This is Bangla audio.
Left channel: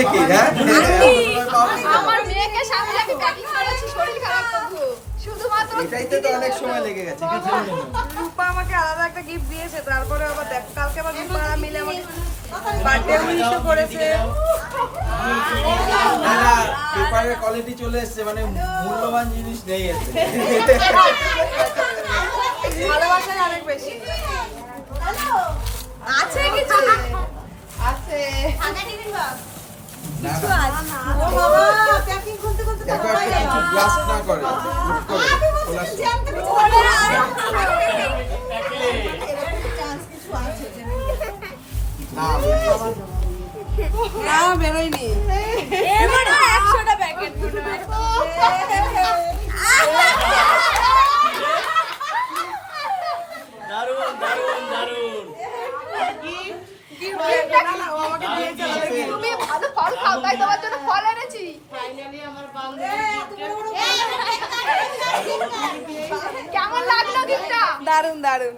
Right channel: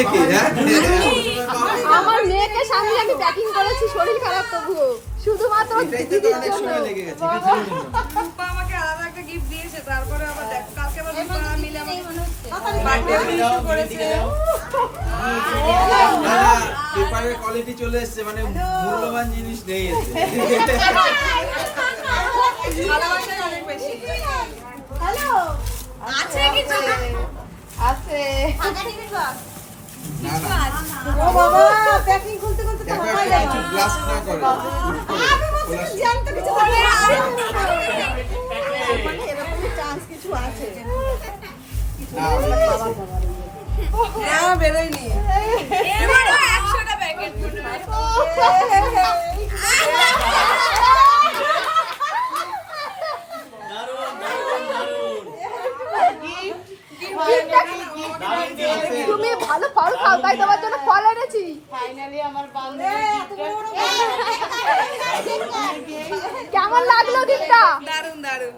হচ্ছে কি হ্যাঁ আমার মেয়েকে সামনে আমি প্যাকিং করেছি শরীর খারাপ তবু শুধুমাত্র এটাইতে তো অনেক সময় লেগে গেছে রূপা আমাকে আলাদা একটা গিফট দিয়েছে, তারপরে আবার দেখ কালকে আবার রূপা মিলে আমাকে বার্থডে উইশও করেছে। না না পেপারের কোয়ালিটি চলে এসেছে, মানে মূল্যবান জিনিস নেই এসে ভালোবাসা অনেক বেশি আছে কিছু আছে। না না দেখো একটা কিছু ব্লাস্ট না করে হুট করে না বেরোয়নি। এবারে 100টা প্যাকেট মনে হয় দারুণ দারুণ দারুণ তুমি ভালো ফল খাও তাই তোমার জন্য ফল এনেছি কেমন লাগলো গিফটটা দারুণ দারুণ।